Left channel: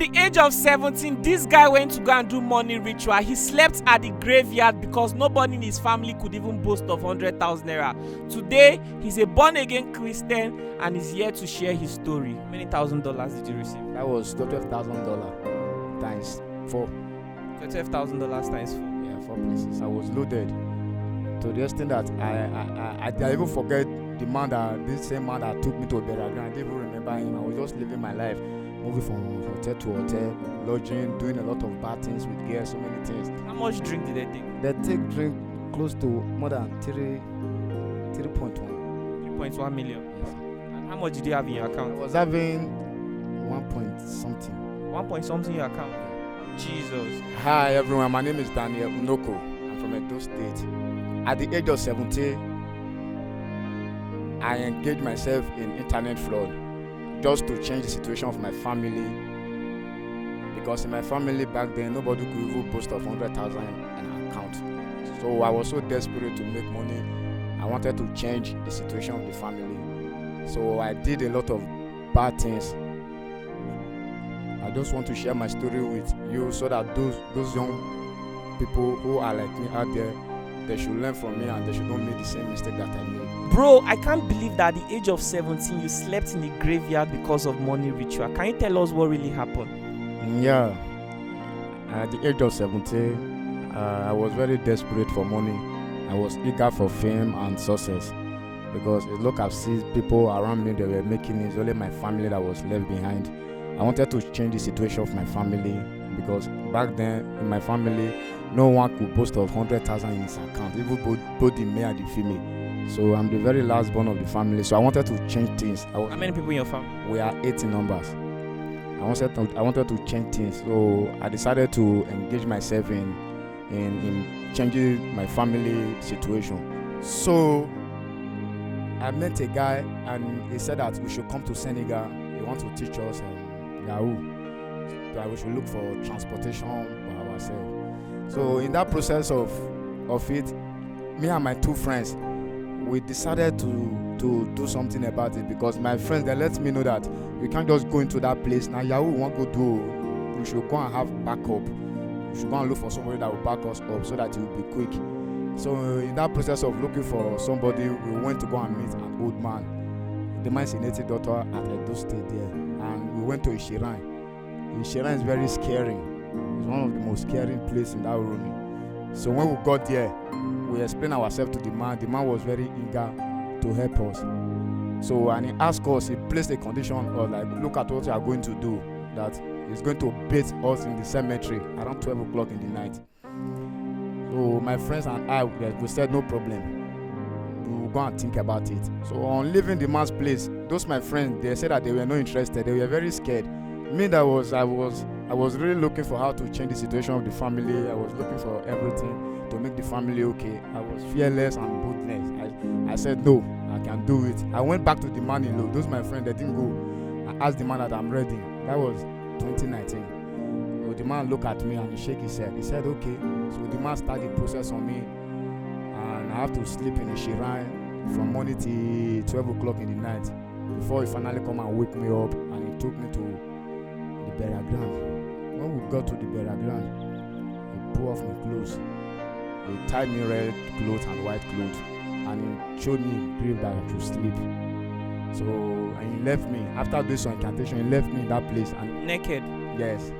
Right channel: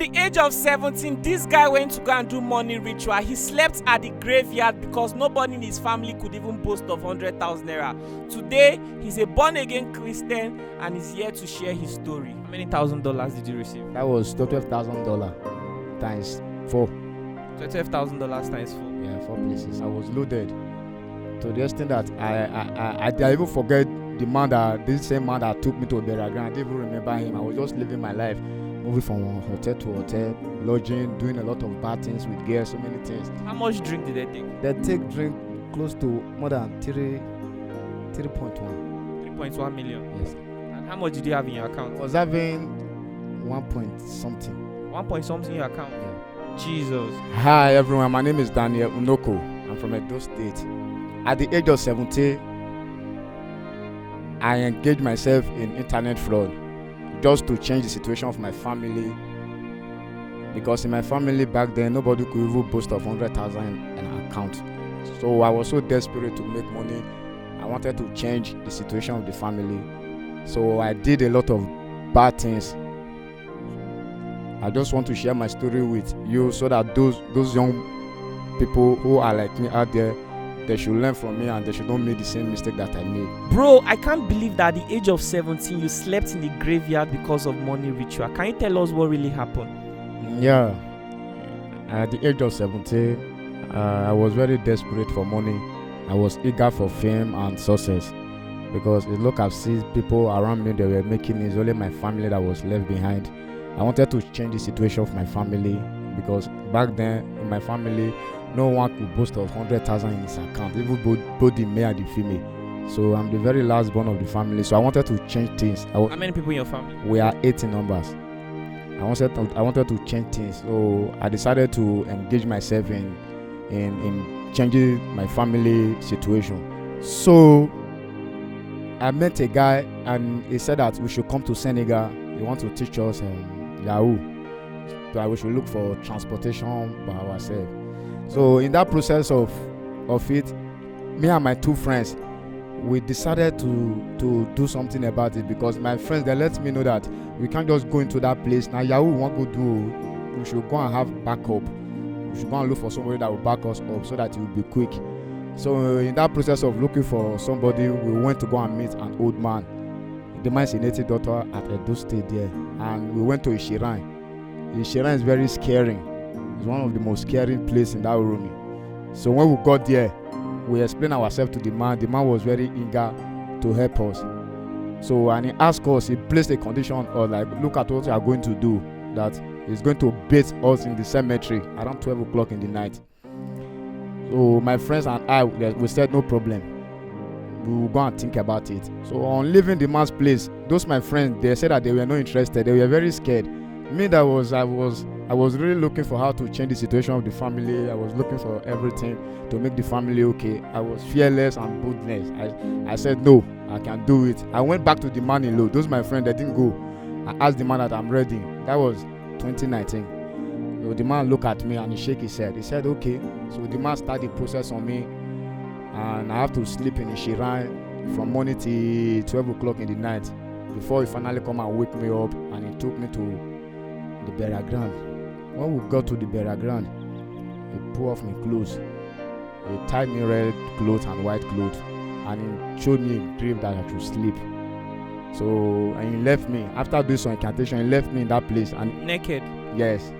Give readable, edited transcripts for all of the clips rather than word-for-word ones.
At the age of 17, this guy went to go and do money ritual. He slept at the graveyard because nobody in his family could even boast of 100,000 naira. Today, he's a born-again Christian and is here to share his story. How many $1,000 did you receive? That was $12,000 times 4. $12,000 times 4. Yeah, 4 places. I was loaded to the extent that I even forget this same man that took me to a burial ground. I didn't even remember him. I was just living my life, moving from hotel to hotel, lodging, doing a lot of bad things with girls, so many things. How much drink did they take? They take drink close to more than 3.1. 3.1 million. Yes. And how much did you have in your I account? was having 1 point something. 1 point something in your account. Yeah. Jesus. Hi everyone, my name is Daniel Unoko. I'm from Edo State. At the age of 17, I engaged myself in internet fraud just to change the situation of my family, because in my family back then nobody could even boast of 100,000 in an account. So I was so desperate to make money. I wanted to change the situation of the family. So I did a lot of bad things. I just want to share my story with you so that those young people who are like me out there, they should learn from me and they should not make the same mistake that I made. Bro, I can't believe that at the age of 17 you slept in the graveyard because of money ritual. Can you tell us what really happened? Yeah, at the age of 17, I was very desperate for money. I was eager for fame and success because it looked as if people around me, they were making it. It's only my family that was left behind. I wanted to change the situation of my family because back then in my family, no one could boast of 100,000 in his account, even both the male and the female. So I'm the very last born of the family. So I wanted to change things. How many people in your family? We are 8 in numbers. I wanted to change things. So I decided to engage myself in changing my family situation. So I met a guy and he said that we should come to Senegal. He wants to teach us Yahoo. That we should look for transportation by ourselves. So in that process of it, me and my 2 friends, we decided to do something about it, because my friends, they let me know that we can't just go into that place. Now Yahoo we want to go do, we should go and have backup. We should go and look for somebody that will back us up so that it will be quick. So in that process of looking for somebody, we went to go and meet an old man. The man is a native doctor at Edo State there, and we went to Ishiran. Ishiran is very scary. It's one of the most scary places in that room. So when we got there, we explained ourselves to the man. The man was very eager to help us. So, and he asked us, he placed a condition of like, look at what we are going to do, that he's going to bait us in the cemetery around 12 o'clock in the night. So my friends and I, we said no problem. We will go and think about it. So on leaving the man's place, those my friends, they said that they were not interested. They were very scared. Me, I was really looking for how to change the situation of the family. I was looking for everything to make the family okay. I was fearless and boldness. I said, no, I can do it. I went back to the man in law. Those my friends, they didn't go. I asked the man that I'm ready. That was 2019. So the man looked at me and he shook his head. He said, okay. So the man started the process on me. And I have to sleep in the Shiran from morning till 12 o'clock in the night before he finally come and wake me up, and he took me to the burial ground. When we got to the burial ground, he pulled off my clothes. He tied me red clothes and white clothes, and he showed me a grave that I should sleep. So, and he left me. After doing some incantation, he left me in that place. And naked? Yes.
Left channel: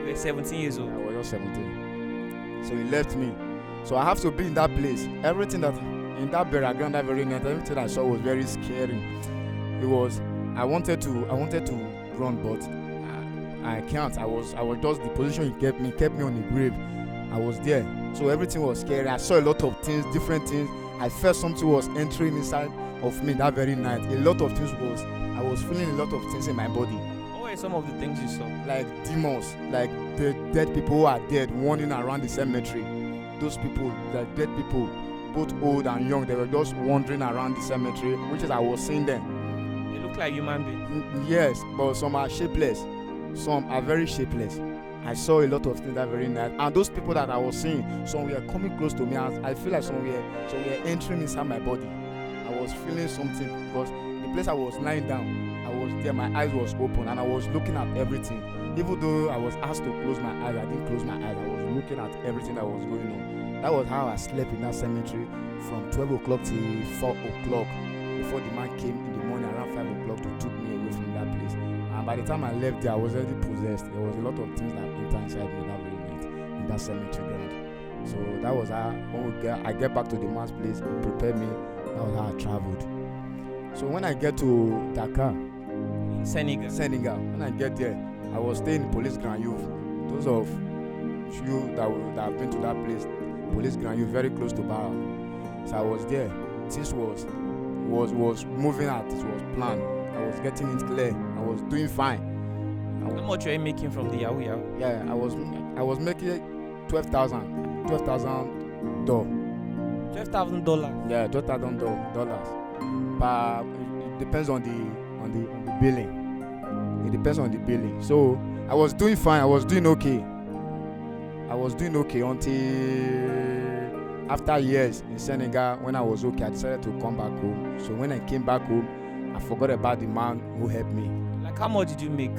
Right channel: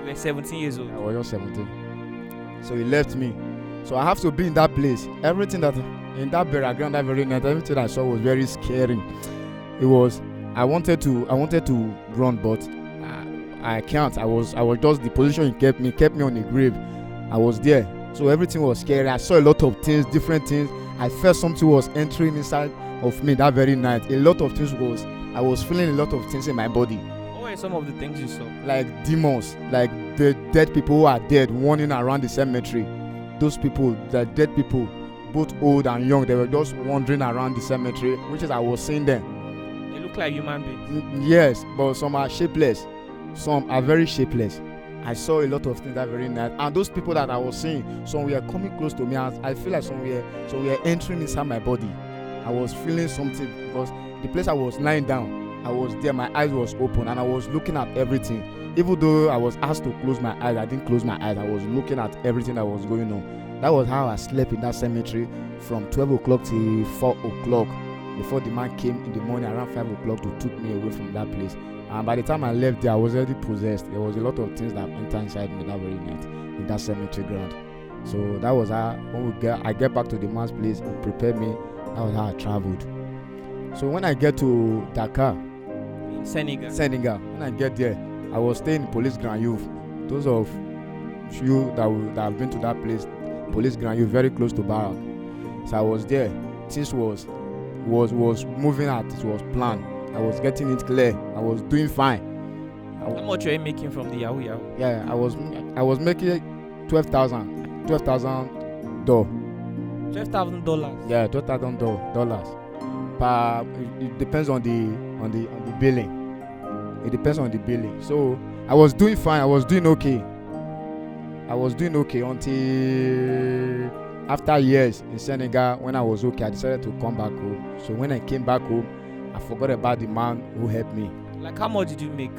You were 17 years old? I was just 17. So he left me. So I have to be in that place. Everything that, in that burial ground that very night, everything I saw was very scary. It was, I wanted to run, but I can't. I was just, the position he kept me on the grave. I was there. So everything was scary. I saw a lot of things, different things. I felt something was entering inside of me that very night. A lot of things I was feeling a lot of things in my body. What were some of the things you saw? Like demons, like the dead people who are dead, wandering around the cemetery. Those people, the dead people, both old and young, they were just wandering around the cemetery, which is I was seeing them. They look like human beings. Yes, but some are shapeless. Some are very shapeless. I saw a lot of things that very night, and those people that I was seeing, some were coming close to me, and I feel like some were entering inside my body. I was feeling something because the place I was lying down, I was there, my eyes was open, and I was looking at everything. even though I was asked to close my eyes, I didn't close my eyes. I was looking at everything that was going on. That was how I slept in that cemetery from 12 o'clock till 4 o'clock before the man came in the morning around 5 o'clock to took me away from that place. And by the time I left there, I was already possessed. There was a lot of things that entered inside me that very night in that cemetery ground. So that was how, when I get back to the man's place, he prepared me. That was how I traveled. So when I get to Dakar, In Senegal. when I get there, I was staying in Police Grand Youth. Those of you that have been to that place, Police Grand Youth, very close to Barak. So I was there. Things was moving out. It was planned. I was getting it clear. I was doing fine. How much were you making from the Yahoo Yahoo? Yeah, I was making $12,000 $12,000. Yeah, $12,000. But it depends on the billing. It depends on the billing. So I was doing fine. I was doing okay until after years in Senegal. When I was okay, I decided to come back home. So when I came back home, I forgot about the man who helped me. Like, how much did you make?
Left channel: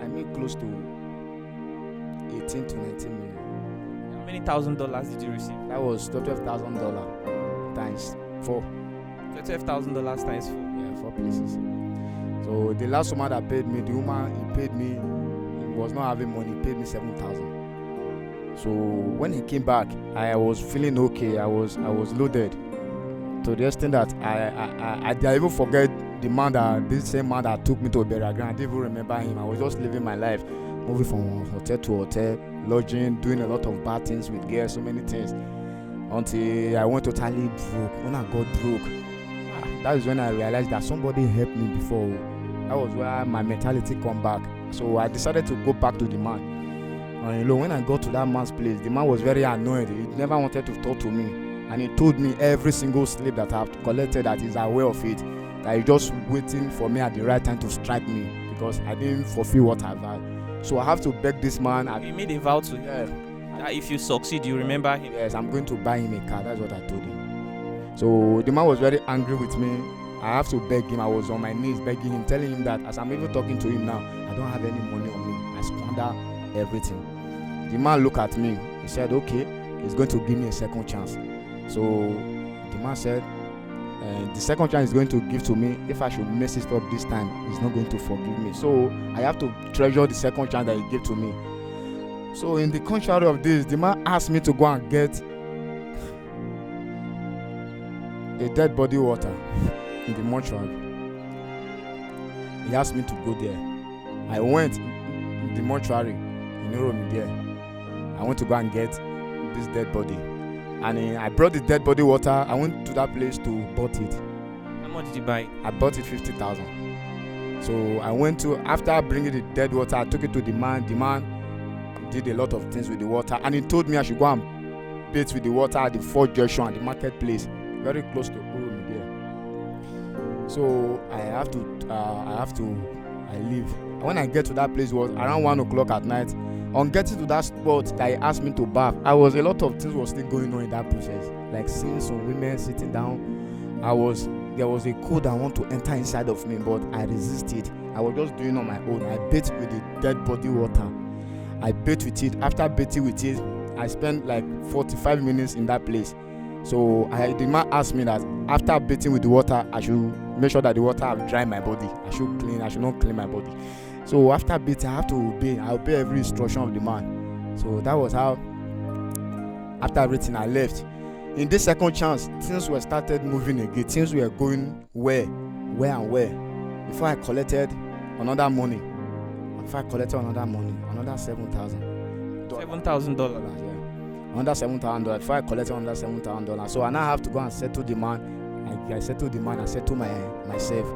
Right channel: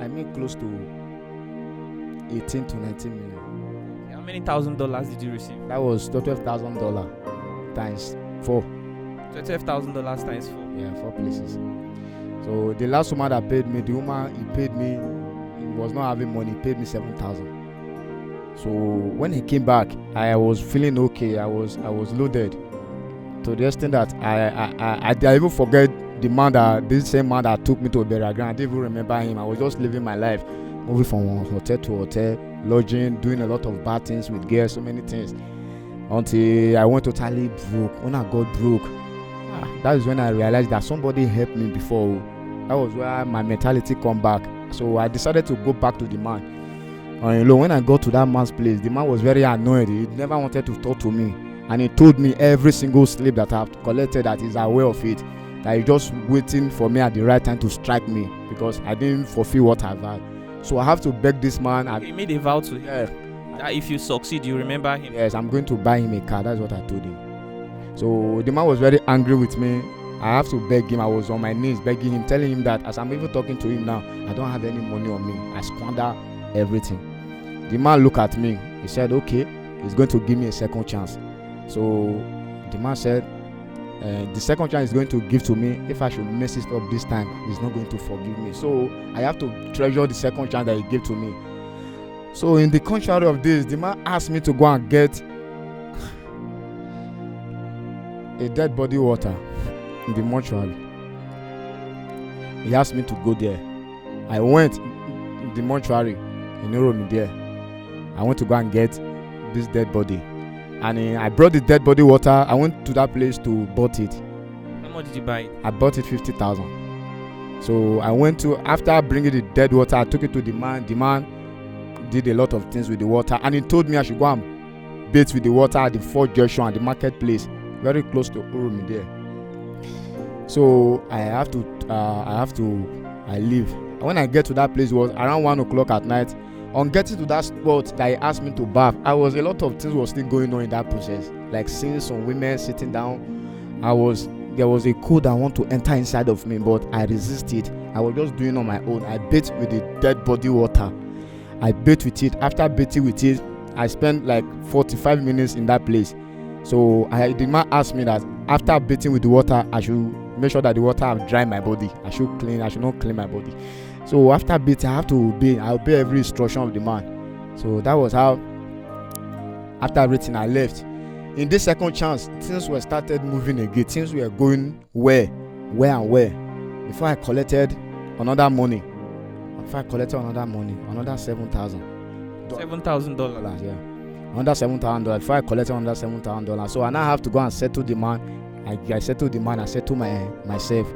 I made close to 18 to 19 million. How many $1,000 did you receive? That was $12,000 times 4. $12,000 times 4. Yeah, 4 places. So the last woman that paid me, the woman he paid me, he was not having money. He paid me 7,000. So when he came back, I was feeling okay. I was loaded to the extent that I even forget this same man that took me to a burial ground. I didn't even remember him. I was just living my life, moving from hotel to hotel, lodging, doing a lot of bad things with girls, so many things, until I went totally broke. When I got broke, that is when I realized that somebody helped me before. That was where my mentality come back. So I decided to go back to the man. When I got to that man's place, the man was very annoyed. He never wanted to talk to me, and he told me every single slip that I've collected, that he's aware of it, that he's just waiting for me at the right time to strike me because I didn't fulfill what I've had. So I have to beg this man. You made a vow to him. Yeah. That if you succeed, you remember him. Yes, I'm going to buy him a car. That's what I told him. So the man was very angry with me. I have to beg him. I was on my knees begging him, telling him that as I'm even talking to him now, I don't have any money on me. I squander everything. The man looked at me. He said, okay, he's going to give me a second chance. So the man said, the second chance he's going to give to me, if I should mess it up this time, he's not going to forgive me. So I have to treasure the second chance that he gave to me. So in the contrary of this, the man asked me to go and get a dead body water in the mortuary. He asked me to go there. I went in the mortuary in Uromi there. I went to go and get this dead body. And I brought the dead body water. I went to that place to bought it. How much did you buy it? I bought it 50,000. So I went to, after bringing the dead water, I took it to the man. The man did a lot of things with the water, and he told me I should go and bathe with the water at the Fort Junction at the marketplace, very close to Uromi there. So I leave. And when I get to that place, it was around 1 o'clock at night. On getting to that spot that he asked me to bath, a lot of things was still going on in that process, like seeing some women sitting down. There was a code I want to enter inside of me, but I resisted. I was just doing on my own. I bathed with the dead body water. I bathed with it. After bathing with it, I spent like 45 minutes in that place. So the man asked me that after bathing with the water, I should make sure that the water have dried my body. I should not clean my body. So after bathing, I have to obey. I obey every instruction of the man. So that was how, after everything, I left. In this second chance, things were started moving again. Things were going where. Before I collected another money. Another $7,000. $7,000. Yeah. Another $7,000. Before I collected another $7,000. So I now have to go and settle the man. I settled the man. I settled myself.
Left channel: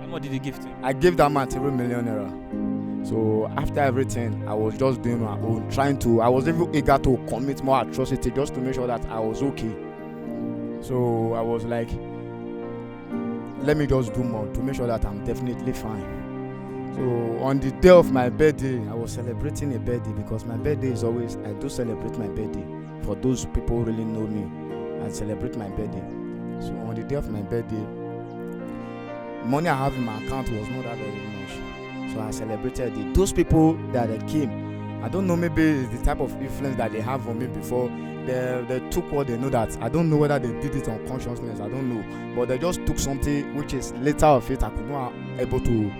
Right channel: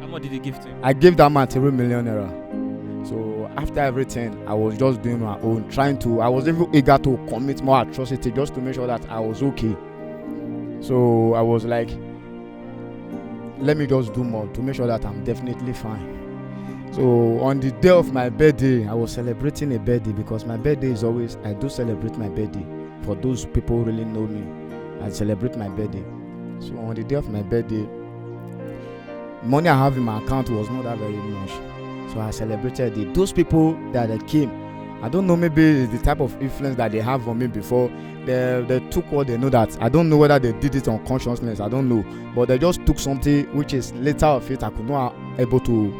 How much did you give to him? I gave that man 3 million naira. So after everything, I was just doing my own, I was even eager to commit more atrocity just to make sure that I was okay. So I was like, let me just do more to make sure that I'm definitely fine. So on the day of my birthday, I was celebrating a birthday, because my birthday is always, I do celebrate my birthday. For those people who really know me, I celebrate my birthday. So on the day of my birthday, money I have in my account was not that very much. So I celebrated it. Those people that they came, I don't know, maybe it's the type of influence that they have on me before. They took what they know that. I don't know whether they did it on consciousness, I don't know. But they just took something which is later of it I could not able to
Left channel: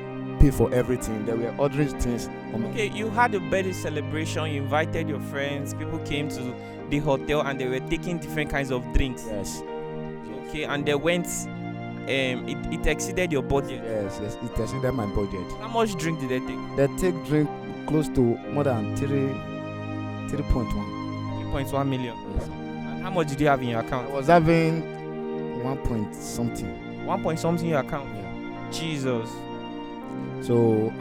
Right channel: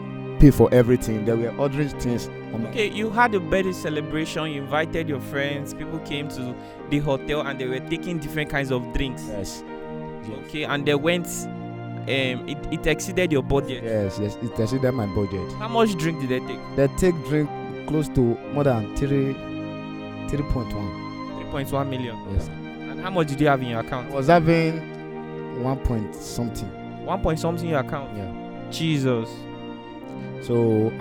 pay for everything. They were ordering things on me. Okay, you had a birthday celebration, you invited your friends, people came to the hotel and they were taking different kinds of drinks. Yes. Okay, and they went, it exceeded your budget. Yes, it exceeded my budget. How much drink did they take? They take drink close to more than 3.1. 3.1 million. Yes, sir. And how much did you have in your I account? was having 1 point something. 1 point something in your account. Yeah. Jesus. So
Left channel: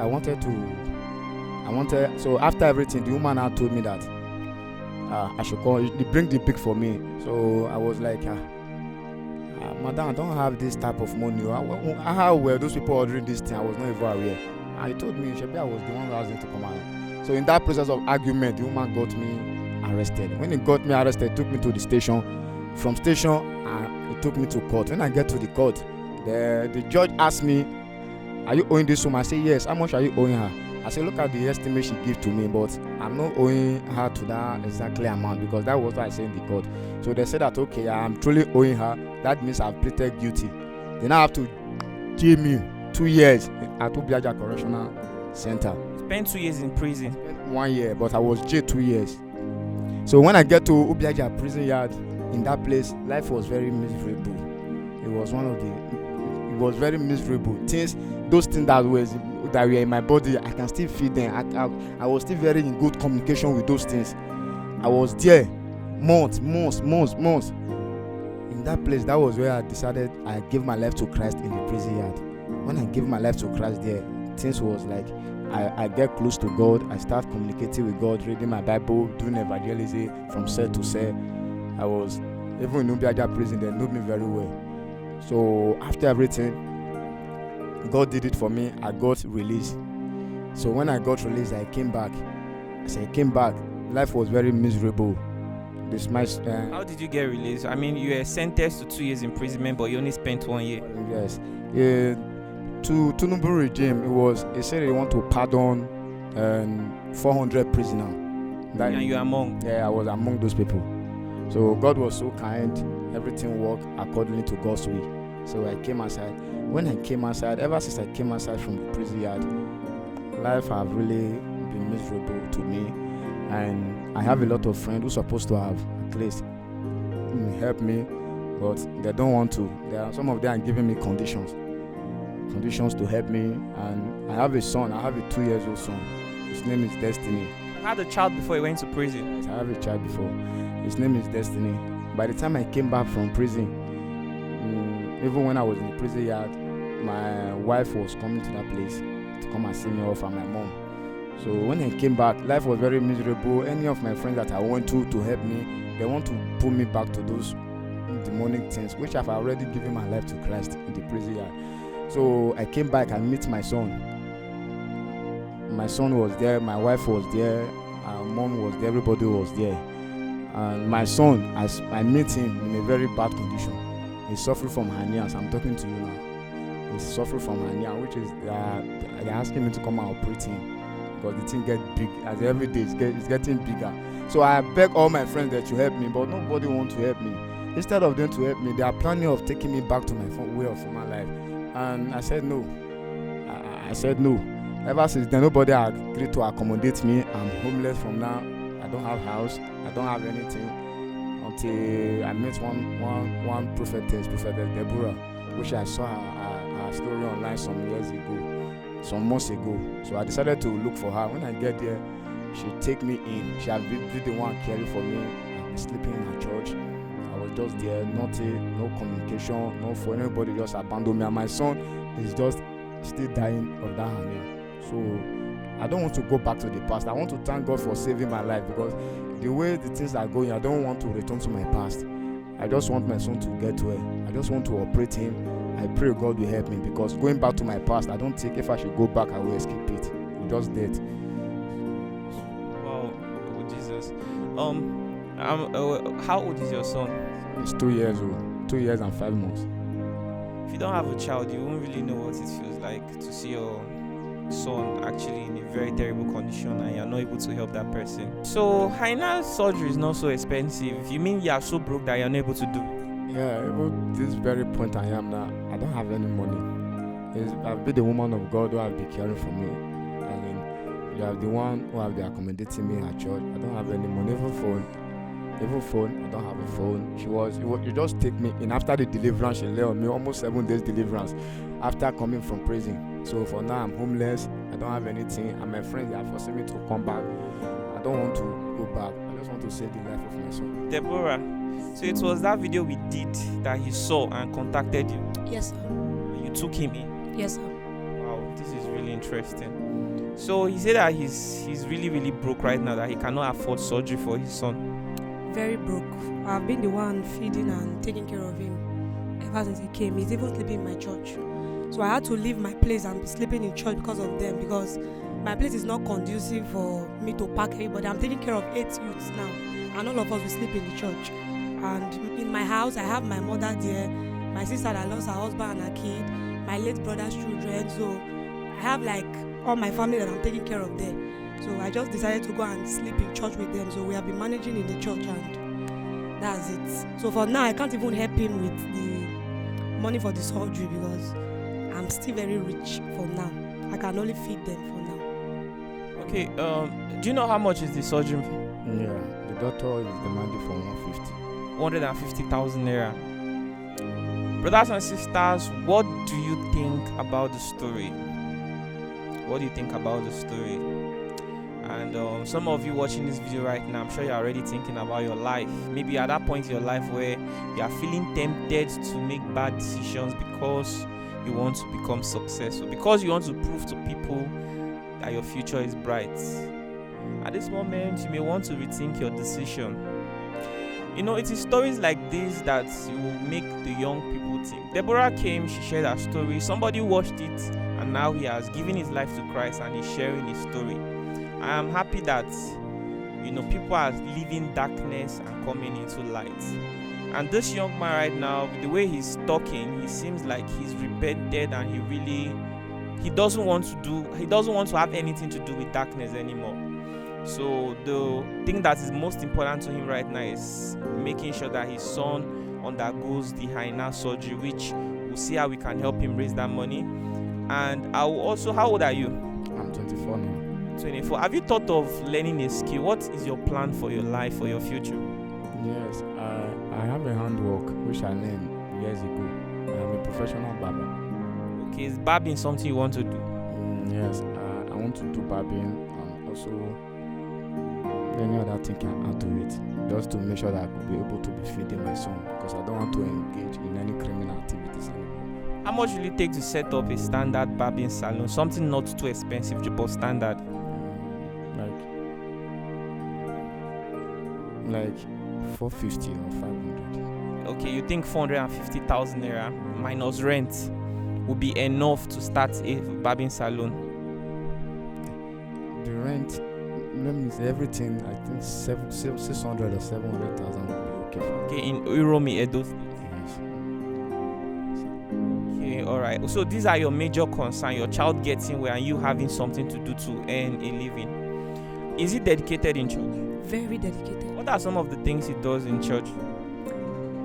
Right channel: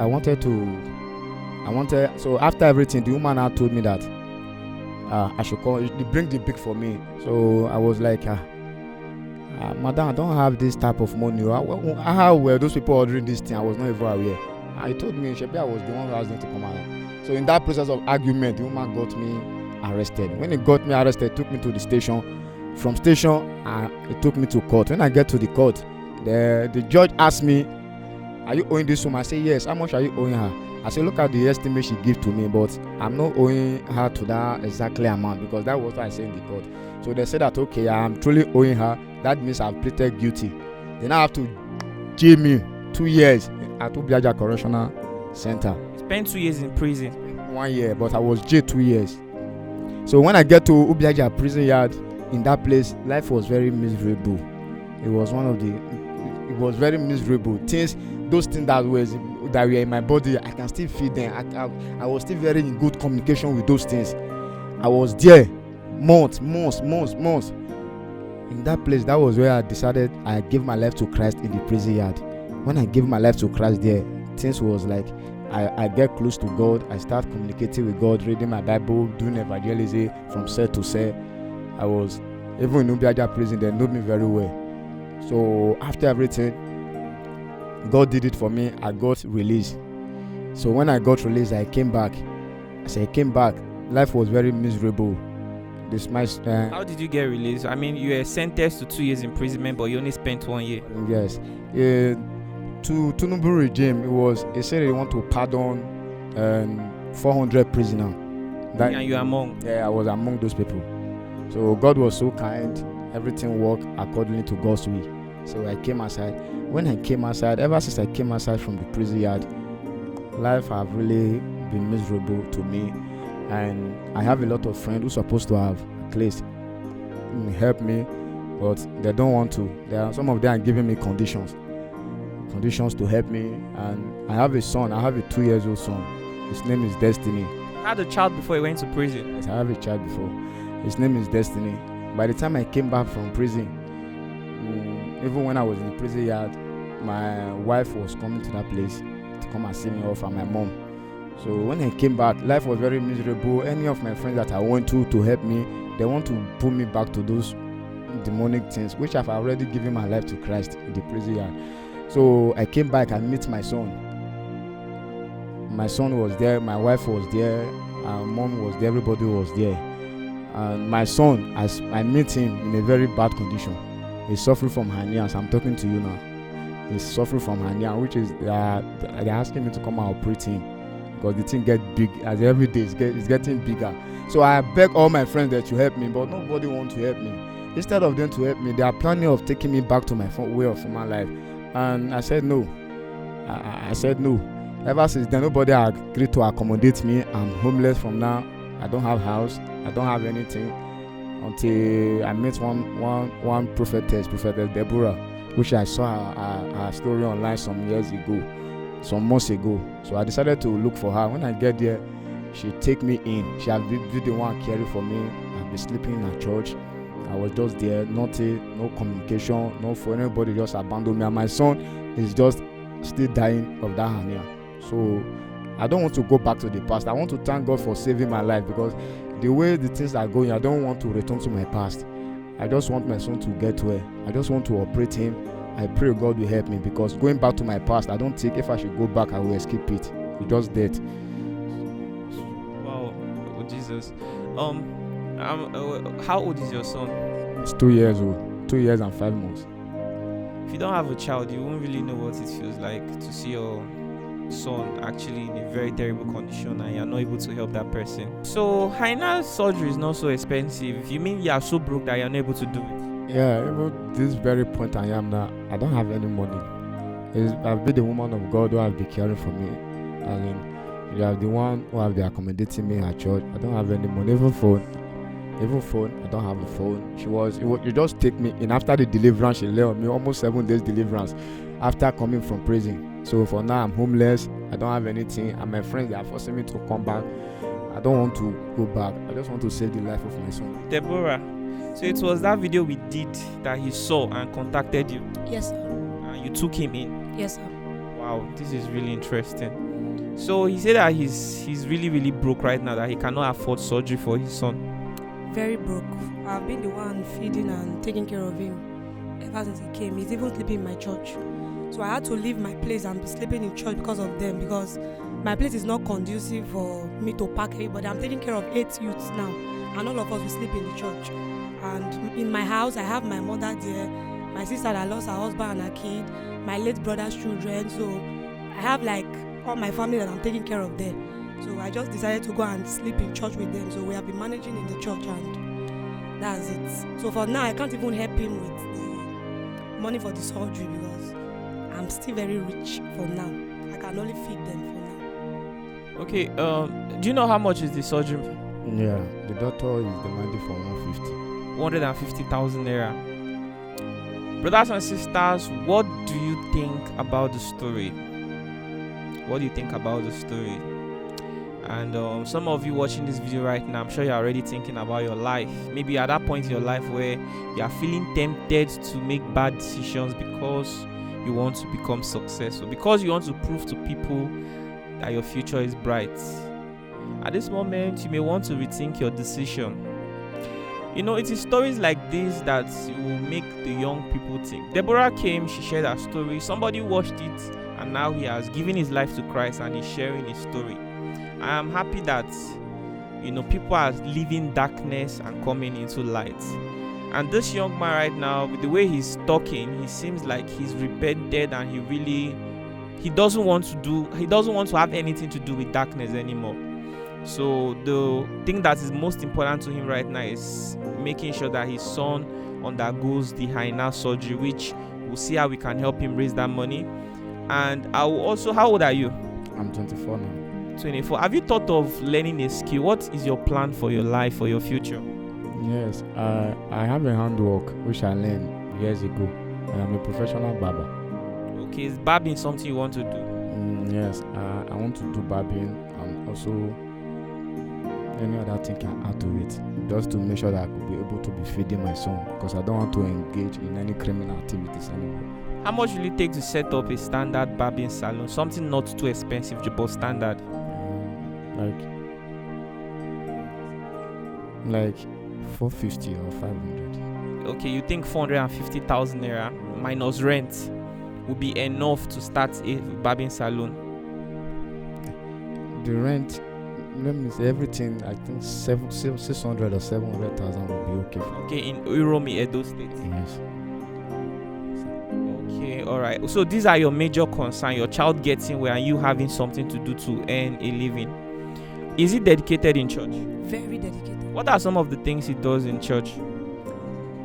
so after everything, the woman now told me that I should call, they bring the pick for me. So I was like, madam, I don't have this type of money. How were those people ordering this thing? I was not even aware. And he told me, Shebi, I was the one who asked them to come out. So in that process of argument, the woman got me arrested. When he got me arrested, he took me to the station. From station, he took me to court. When I get to the court, the judge asked me, are you owing this woman? I say, yes. How much are you owing her? I say, look at the estimate she gave to me, but I'm not owing her to that exactly amount, because that was what I said in the court. So they said that, okay, I'm truly owing her. That means I've pleaded guilty. Then I have to jail me 2 years at Ubiaja Correctional Center. Spent 2 years in prison. 1 year, but I was jailed 2 years. So when I get to Ubiaja prison yard, in that place, life was very miserable. It was very miserable. Those things that were in my body, I can still feel them. I was still very in good communication with those things. I was there months. In that place, that was where I decided I gave my life to Christ in the prison yard. When I gave my life to Christ there, things was like I get close to God. I start communicating with God, reading my Bible, doing evangelism from cell to cell. I was even in Ubiaja prison. They knew me very well. So after everything, God did it for me. I got released. So when I got released, I came back. Life was very miserable. How did you get released? I mean, you were sentenced to 2 years imprisonment, but you only spent 1 year. Yes. To Tinubu regime, it said they want to pardon 400 prisoners. And you are among? Yeah, I was among those people. So God was so kind. Everything worked accordingly to God's will. So I came outside. When I came outside, ever since I came outside from the prison yard, life have really been miserable to me. And I have a lot of friends who are supposed to have at least help me, but they don't want to. Some of them are giving me conditions to help me. And I have a son. I have a 2-year-old son. His name is Destiny. You had a child before you went to prison? Yes, I have a child before. His name is Destiny. By the time I came back from prison, even when I was in the prison yard, my wife was coming to that place to come and see me off, and my mom. So when I came back, life was very miserable. Any of my friends that I went to help me, they want to pull me back to those demonic things, which I've already given my life to Christ in the prison yard. So I came back and met my son. My son was there, my wife was there, our mom was there, everybody was there. And my son, as I met him in a very bad condition. He's suffering from hernia, as I'm talking to you now. He's suffering from hernia, which is they're asking me to come and operate him, because the thing get big as every day it's getting bigger. So I beg all my friends that you help me, but nobody wants to help me. Instead of them to help me, they are planning of taking me back to my way of former life. And I said no. I said no. Ever since then, nobody agreed to accommodate me. I'm homeless from now. I don't have house. I don't have anything. Until I met one prophetess Deborah, which I saw her story online some months ago. So I decided to look for her. When I get there, she take me in. She had been the one caring for me. I've been sleeping in her church. I was just there, no communication, no for anybody, just abandoned me. And my son is just still dying of that hernia. So I don't want to go back to the past. I want to thank God for saving my life, because the way the things are going, I don't want to return to my past. I just want my son to get well. I just want to operate him. I pray God will help me, because going back to my past, I don't think if I should go back, I will escape it. It's just dead. Wow, oh Jesus. How old is your son? He's 2 years old. 2 years and 5 months. If you don't have a child, you won't really know what it feels like to see your son actually in a very terrible condition and you're not able to help that person. So hernia surgery is not so expensive. You mean you are so broke that you're not able to do it? Yeah, even this very point I am now, I don't have any money. I've been the woman of God who have been caring for me. I mean, you are the one who have been accommodating me at church. I don't have any money, even phone, I don't have a phone. You just take me in after the deliverance. She lay on me almost 7 days deliverance after coming from prison. So for now I'm homeless. I don't have anything, and my friends, they are forcing me to come back. I don't want to go back. I just want to save the life of my son. Deborah, so it was that video we did that he saw and contacted you. Yes, sir. And you took him in. Yes, sir. Wow, this is really interesting. So he said that he's really, really broke right now, that he cannot afford surgery for his son. Very broke. I've been the one feeding and taking care of him ever since he came. He's even sleeping in my church. So I had to leave my place and be sleeping in church because of them, because my place is not conducive for me to pack everybody. I'm taking care of 8 youths now, and all of us will sleep in the church. And in my house, I have my mother there, my sister that lost her husband and her kid, my late brother's children. So I have like all my family that I'm taking care of there. So I just decided to go and sleep in church with them. So we have been managing in the church, and that's it. So for now, I can't even help him with the money for the surgery because I'm still very rich for now. I can only feed them for now. Okay, do you know how much is the surgery? Yeah, the doctor is demanding for 150,000 naira. Brothers and sisters, what do you think about the story? What do you think about the story? And some of you watching this video right now, I'm sure you're already thinking about your life. Maybe you're at that point in your life where you are feeling tempted to make bad decisions because you want to become successful, because you want to prove to people that your future is bright. At this moment, you may want to rethink your decision. You know, it is stories like this that will make the young people think. Deborah came, she shared her story. Somebody watched it, and now he has given his life to Christ and he's sharing his story. I am happy that, you know, people are leaving darkness and coming into light. And this young man right now, with the way he's talking, he seems like he's repented, and he doesn't want to have anything to do with darkness anymore. So the thing that is most important to him right now is making sure that his son undergoes the hernia surgery, which we'll see how we can help him raise that money. And I will also, how old are you? I'm 24 now. 24. Have you thought of learning a skill? What is your plan for your life, for your future? Yes, I have a handwork which I learned years ago. I am a professional barber. Okay, is barbing something you want to do? Yes, I want to do barbing and also any other thing I add to it, just to make sure that I could be able to be feeding my son, because I don't want to engage in any criminal activities anymore. How much will it take to set up a standard barbing salon? Something not too expensive, but standard. Like 450 or 500. Okay, you think 450,000 naira minus rent will be enough to start a barbing salon? The rent, let me say everything, I think 600 or 700,000 will be okay for. Okay, in Uromi, Edo State. Yes. Okay, all right. So these are your major concerns: your child getting well and you having something to do to earn a living. Is he dedicated in church? Very dedicated. What are some of the things he does in church?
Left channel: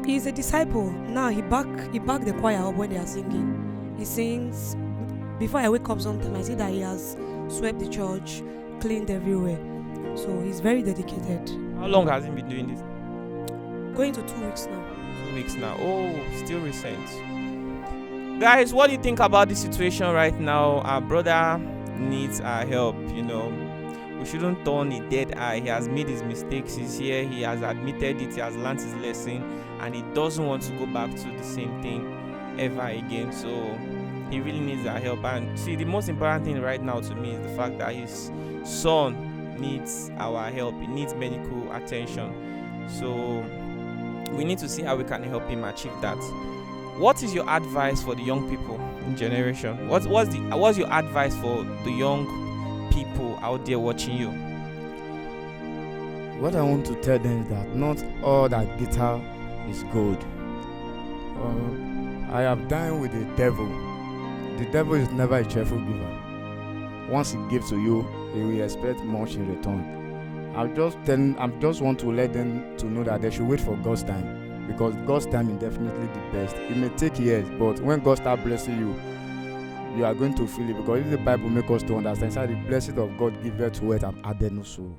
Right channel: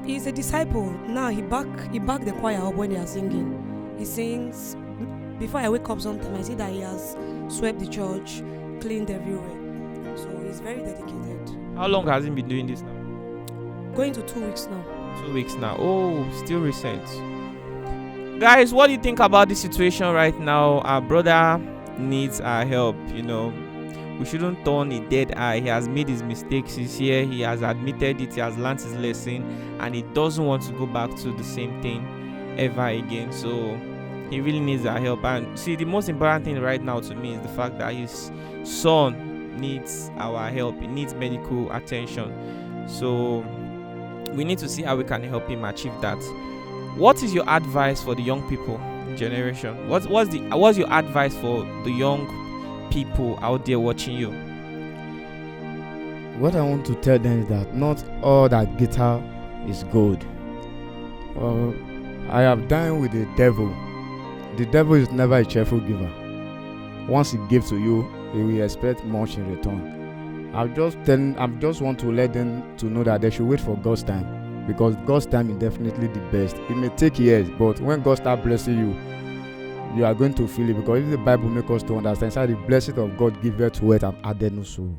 He's a disciple. Now he back the choir up when they are singing. He sings. Before I wake up sometime, I see that he has swept the church, cleaned everywhere. So he's very dedicated. How long has he been doing this now? Going to 2 weeks now. 2 weeks now. Oh, still recent. Guys, what do you think about this situation right now? Our brother needs our help, you know. We shouldn't turn a dead eye. He has made his mistakes. He's here. He has admitted it. He has learned his lesson. And he doesn't want to go back to the same thing ever again. So he really needs our help. And see, the most important thing right now to me is the fact that his son needs our help. He needs medical attention. So we need to see how we can help him achieve that. What is your advice for the young people in generation? What's your advice for the young people out there watching you? What I want to tell them is that not all that guitar is gold. I have dined with the devil. The devil is never a cheerful giver. once He gives to you, He will expect much in return. I just want to let them to know that they should wait for God's time, because God's time is definitely the best. It may take years, but when God starts blessing you, you are going to feel it, because if the Bible makes us to understand, inside the blessing of God giveth to it and added no sorrow.